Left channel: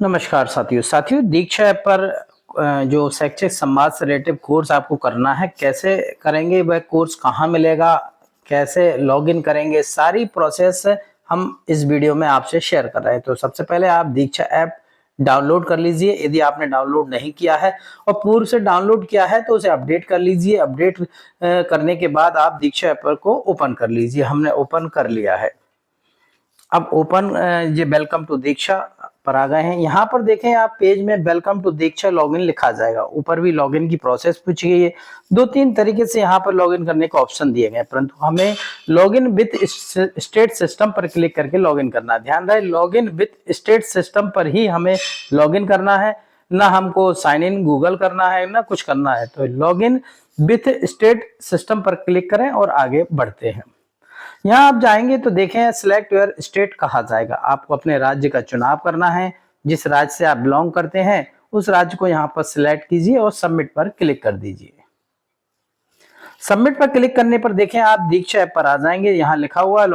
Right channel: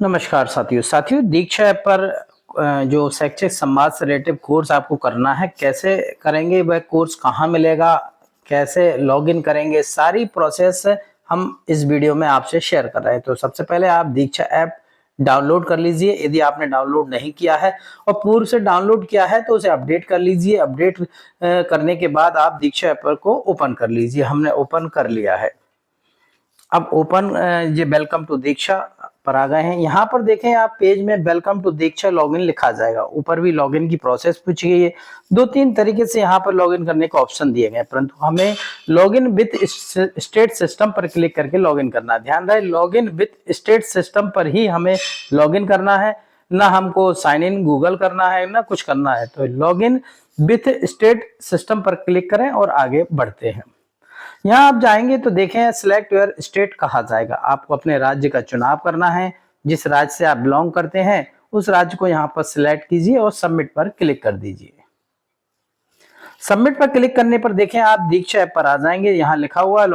नमस्कार साथियों दीक्षा ऐप पर जो शैक्षिक संवाद से रिलेटेड कोर्स आपको करना है, कैसे करेंगे, वह कोर्स कहाँ मिलेगा, कैसे लॉगिन करेंगे, सारी प्रोसेस हम इस वीडियो में आपसे शेयर कर रहे हैं। तो सबसे पहले आप दीक्षा ऐप डाउनलोड कर लीजिए यदि आपने डाउनलोड नहीं किया है, और पूर्व से डाउनलोड किया है तो उसे अपडेट कर लीजिए। अपडेट करने के बाद आप दीक्षा ऐप को ओपन कर लीजिए। हमने ओपन कर लिया है। अब ओपन ये वेलकम टू दीक्षा पर आ गए हैं। यहाँ पर देखें आप पेज में वेलकम टू दीक्षा लॉगिन लिखा जाएगा। ऊपर भी लॉगिन की प्रोसेस पूछी गई है। 2-3 तरीके से यहाँ पर लॉगिन करने का ऑप्शन दिए गए, परंतु हमें लॉगिन विथ स्टेट सिस्टम पर क्लिक करके लॉगिन करना है। ध्यान रहे, लॉगिन विथ स्टेट सिस्टम पर ही हमें लॉगिन करना है, ना हमको साइन इन गूगल करना है, ना कुछ करना है। तो लॉगिन विथ स्टेट सिस्टम पर क्लिक करें और आगे बढ़ते हैं। यहाँ आप जाएंगे तो देखें सिलेक्ट योर स्टेट कहा जाएगा। आपको अपने राज्य का चुनाव करना है। जिस राज्य से आप बिलोंग करते हैं उस राज्य को यहाँ पर सिलेक्ट कीजिए और सबमिट पर क्लिक कर दीजिए। सबमिट पर क्लिक करने पर देखें आप दीक्षा ऐप पर आ जाएंगे। यहाँ लिखा हुआ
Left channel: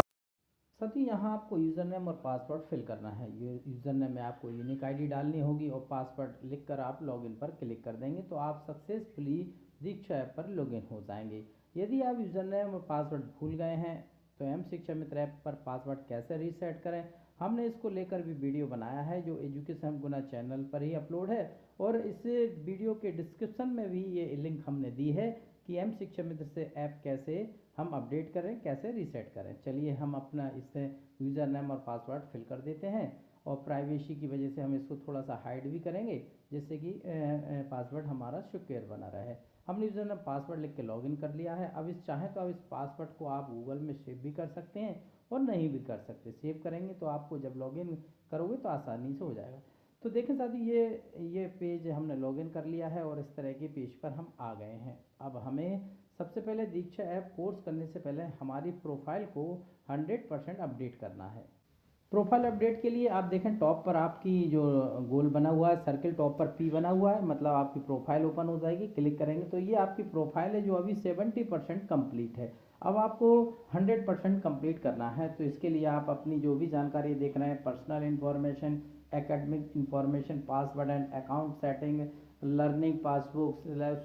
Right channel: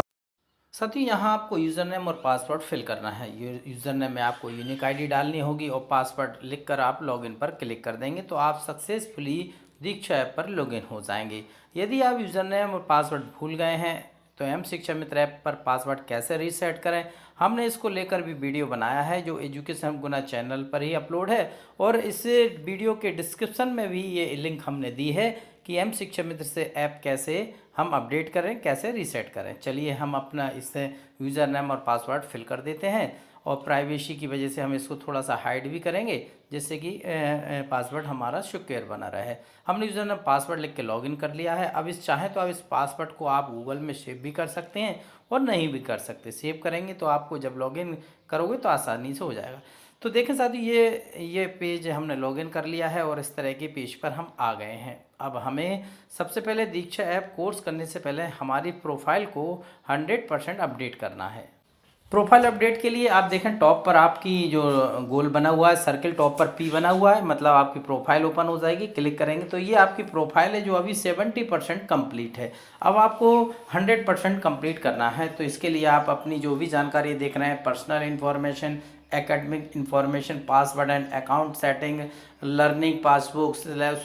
साथियों, यहाँ आपको यूजर नेम और पासवर्ड फिल करना है। यूजर नेम में आपको यूनिक आईडी डालनी होगी और पासवर्ड लिखकर आप लॉगिन पर क्लिक कर देंगे तो आप सक्सेसफुली दीक्षा ऐप पर लॉगिन हो जाएंगे। यदि आप यूजर नेम और पासवर्ड भूल गए हैं तो एम शिक्षा मित्र ऐप पर पासवर्ड कैसे रीसेट करें, हमने इसको लेकर भी वीडियो बनाया है जो एजुकेशन गुना चैनल पर ही अपलोड है, और इस वीडियो के डिस्क्रिप्शन में भी ये लिंक हमने दी है कि एम शिक्षा मित्र से ऐप कैसे हम अपडेट करें, कैसे रीसेट करें। चलिए हम अपना इससे यूज़र नेम और पासवर्ड फिल कर देते हैं, और प्राइवेसी की वजह से हम इसको थोड़ा सा हाइड भी करेंगे जिससे कि पासवर्ड हमारा सिक्योर बना रहे। हमने यूज़र नेम पासवर्ड लिख के लॉगिन कर लिया है। अब इस चाहें तो अब इस पासवर्ड को आप गूगल में सेव भी कर सकते हैं और नहीं भी कर सकते। सेव करेंगे तो आपको जब लॉगिन करोगे तो आसानी से हो जाएगा। तो देखें साथी, ये पेज हमने लॉगिन कर लिया है और इस तरह के पेज पर हम आ गए हैं। अब हमें सबसे पहले दीक्षा ऐप कोर्स करने से पहले हमारी प्रोफाइल को 100% अपडेट करना है। प्रोफाइल अपडेट के लिए आप देखें टॉप पर आपकी जो गोल बना हुआ है, सर्किल टॉप पर पी बना हुआ है, मतलब आपकी प्रोफाइल ओपन हो जाएगी। क्लिक करेंगे तो ये आपकी प्रोफाइल है जो अभी 70% कंप्लीट है। अब आपको 100% कंप्लीट करना है। तो इसके लिए आप अपनी जो भी जानकारी देख रहे हैं, personal information, academic information, password and account setting, learning, passbook,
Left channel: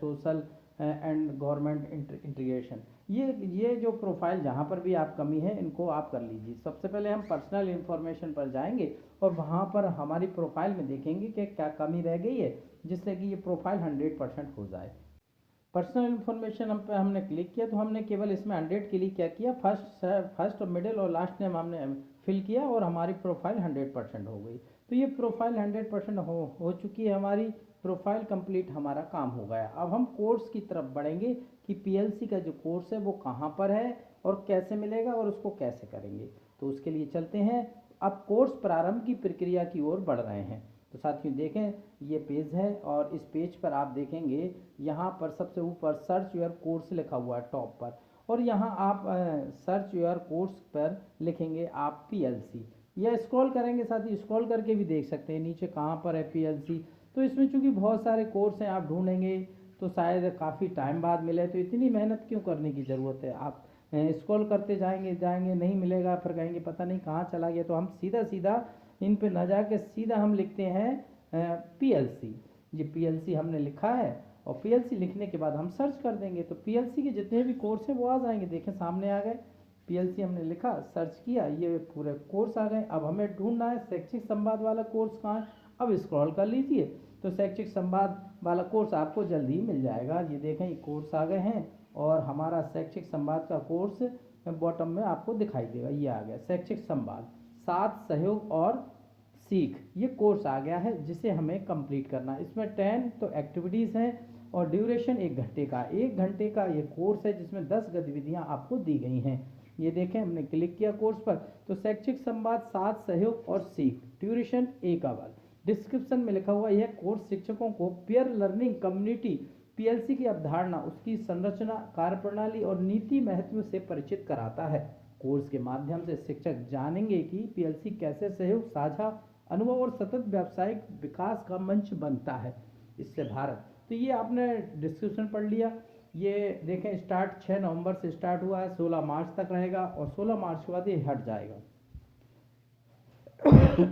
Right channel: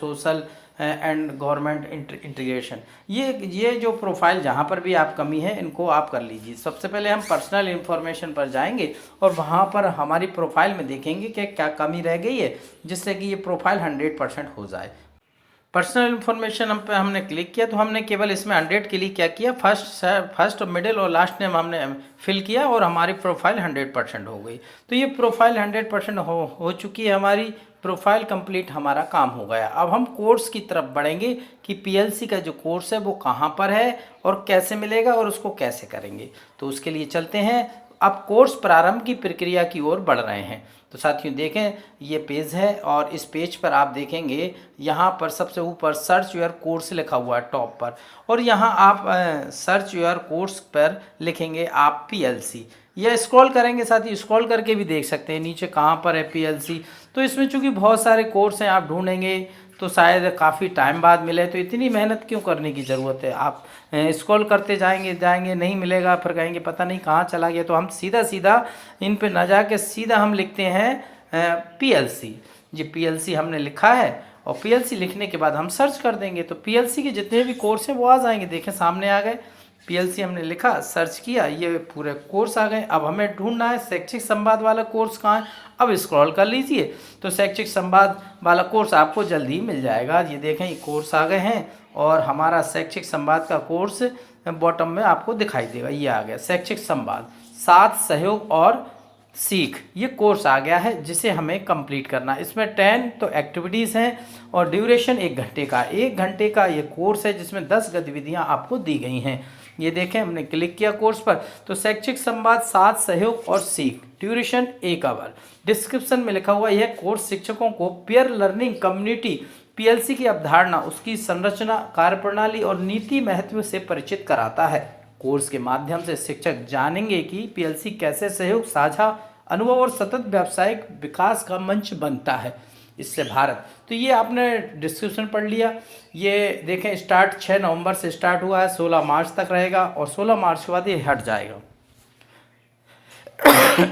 social and government integration, ये जो प्रोफाइल जहाँ पर भी आप कमी है इनको आप कर लीजिए। सबसे पहले हम पर्सनल इन्फॉर्मेशन पर जाएंगे और वहाँ पर हमारी प्रोफाइल में देखेंगे कि क्या कमी रह गई है जिससे कि ये प्रोफाइल 100% हो जाए। पर्सनल इन्फॉर्मेशन पे हमने क्लिक किया तो हमने केवल इसमें 100 के लिए क्या किया, फर्स्ट मिडिल और लास्ट नेम हमने फिल किया और हमारी प्रोफाइल 100% हो गई। तो ये प्रोफाइल 100% हो चुकी है। हमारी प्रोफाइल कंप्लीट, हमारा काम हो गया। अब हम कोर्स की तरफ बढ़ेंगे कि पीएलसी का जो कोर्स है वो कहाँ पर है और कैसे मिलेगा और उसको कैसे करेंगे। तो उसके लिए चलते हैं। अब कोर्स प्रारंभ की प्रक्रिया की ओर बढ़ रहे हैं। तो साथियों देखें ये पेज है और इस पेज पर आप देखेंगे यहाँ पर सबसे ऊपर सर्च योर कोर्स लिखा हुआ है टॉप पर, और यहाँ आप सर्च योर कोर्स पर लिखेंगे आप पीएलसी। ये स्क्रॉल करेंगे, साथ ही स्क्रॉल करके भी देख सकते हैं नीचे कहाँ पर है पीएलसी। तो इसमें चूंकि बहुत सारे कोर्स हैं, आप ढूंढेंगे तो शायद काफ़ी टाइम बाद मिले, तो इतनी मेहनत क्यों करने की ज़रूरत है। आप स्क्रॉल करते जाएंगे नहीं मिलेगा, फिर कहेंगे पता नहीं कहाँ चला गया। तो हम सीधा इन पे ना जाके सीधा हम लिखते हैं पीएलसी। जी पीएलसी हमने लिखा है और पीएलसी लिखने के बाद हम सर्च कर देंगे तो पीएलसी के जितने भी कोर्स हैं वो आ जाएंगे। देखें सामने आ गए, पीएलसी हमने लिखा, सर्च किया, ये पूरे कोर्स आ गए। अब हमें ढूंढना है शैक्षिक संवाद वाला कोर्स कहाँ है। अब स्क्रॉल कर लीजिए तो शैक्षिक संवाद वाला कोर्स आपको जल्दी ही मिल जाएगा। ये देखें ये कोर्स आ गए हैं और हमारा शैक्षिक संवाद का कोर्स बॉटम में आपको दिखाई देगा। ये आ गया शैक्षिक संवाद, साथ सहयोग और सीख, ये कोर्स आ गया है जिसे हमें कंप्लीट करना है। इसमें 10 तो एक्टिविटीज़ हैं और ड्यूरेशन 1 घंटे का ये कोर्स है जिसमें 10 गतिविधियां आपको दी गई हैं। ये देखें हमने क्लिक किया कोर्स पर तो शैक्षिक संवाद, साथ सहयोग और सीख, ड्यूरेशन 1 आवर। डिस्क्रिप्शन में लिखा हुआ यह कोर्स शिक्षकों को पीयर लर्निंग कम्युनिटी, पीएलसी की अवधारणा, उसकी संरचना, कार्यप्रणाली और नीति महत्व से परिचित कराता है। कोर्स के माध्यम से शिक्षक जानेंगे कि पीएलसी कैसे सहयोग, साझा अनुभव और सतत व्यावसायिक विकास का मंच बनता है इससे भारत। तो ये आपने डिस्क्रिप्शन पढ़ लिया। ये देखें स्टार्ट 6 नवंबर से स्टार्ट हुआ है, 16 मार्च तक रहेगा और 16 मार्च के बाद ये हट जाएगा।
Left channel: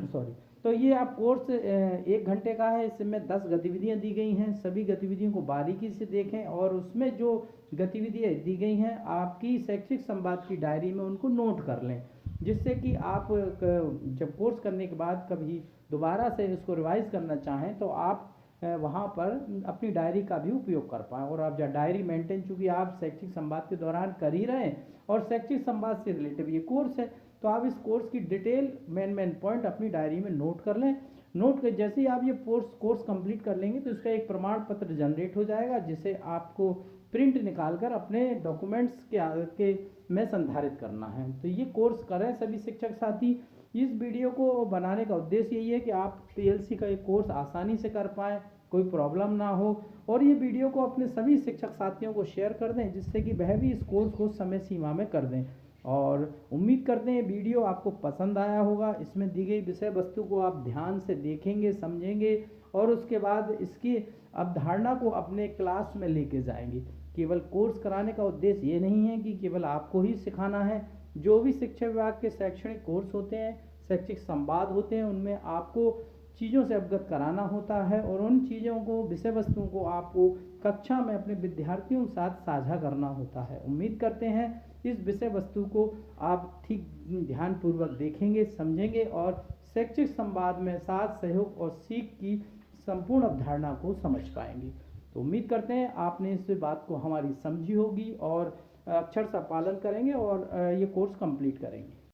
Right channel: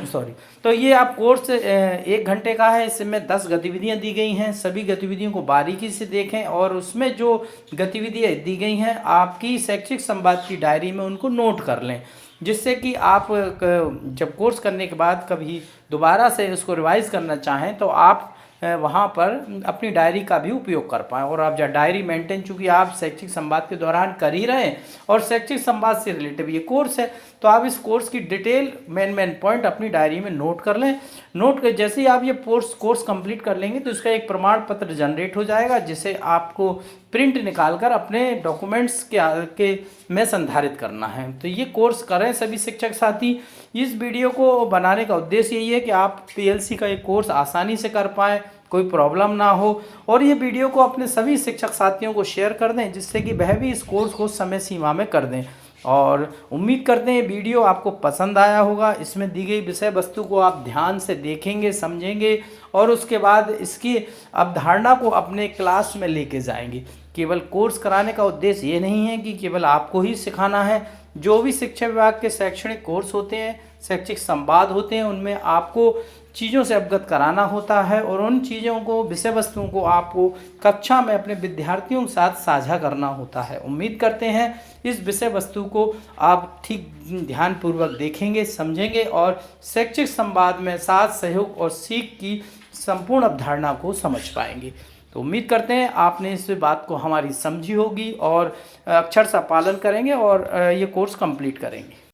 सॉरी। तो तो ये आप कोर्स 1 घंटे का है। इसमें 10 गतिविधियाँ दी गई हैं। सभी गतिविधियों को बारीकी से देखें और उसमें जो गतिविधियाँ दी गई हैं आपकी शैक्षिक संवाद की डायरी में उनको नोट कर लें, जिससे कि आप जब कोर्स करने के बाद कभी दोबारा से उसको रिवाइज़ करना चाहें तो आप वहाँ पर अपनी डायरी का भी उपयोग कर पाएँ। और आप जब डायरी मेंटेन, चूँकि आप शैक्षिक संवाद के दौरान कर ही रहे हैं और शैक्षिक संवाद से रिलेटेड ये कोर्स है, तो आप इस कोर्स की डिटेल मेन पॉइंट अपनी डायरी में नोट कर लें। नोट कर जैसे ही आप ये कोर्स कंप्लीट कर लेंगे तो इसका एक प्रमाण पत्र जनरेट हो जाएगा, जिसे आपको प्रिंट निकाल कर अपने डॉक्यूमेंट्स के में संधारित करना है। तो ये कोर्स करें सभी शिक्षक साथी। इस वीडियो को बनाने का उद्देश्य यही है कि आप पीएलसी का एक कोर्स आसानी से कर पाएँ, कोई प्रॉब्लम ना हो, और ये वीडियो को अपने सभी शिक्षक साथियों को शेयर कर दें, जिससे कि वह भी इस कोर्स को समय सीमा में कर दें। और उम्मीद करते हैं वीडियो आपको पसंद आया होगा। इसमें दी गई विषय वस्तु को आप ध्यान से देखेंगे, समझेंगे और उसके बाद इसकी अवधारणा को अपने क्लास में लेके जाएंगे। केवल कोर्स कराने का उद्देश्य ये नहीं है कि केवल आपको ही सिखाना है। जो भी शिक्षा विभाग के शैक्षणिक कोर्स होते हैं, शैक्षिक संवाद होते हैं, उनमें आपको चीज़ों से अवगत कराना होता है और उन चीज़ों को, विषय वस्तुओं को आपको कक्षा में अपने विद्यार्थियों के साथ साझा करना होता है। उम्मीद करते हैं इस विषय वस्तु को आप ठीक ध्यानपूर्वक देखेंगे, समझेंगे और शैक्षिक संवाद में साथ सहयोग और सीख की संपूर्ण अवधारणा को समझ पाएंगे। तो उम्मीद करते हैं आपने इस बात को हमारी समझी होगी और अक्षरशः पालन करेंगे और ये कोर्स कंप्लीट करेंगे।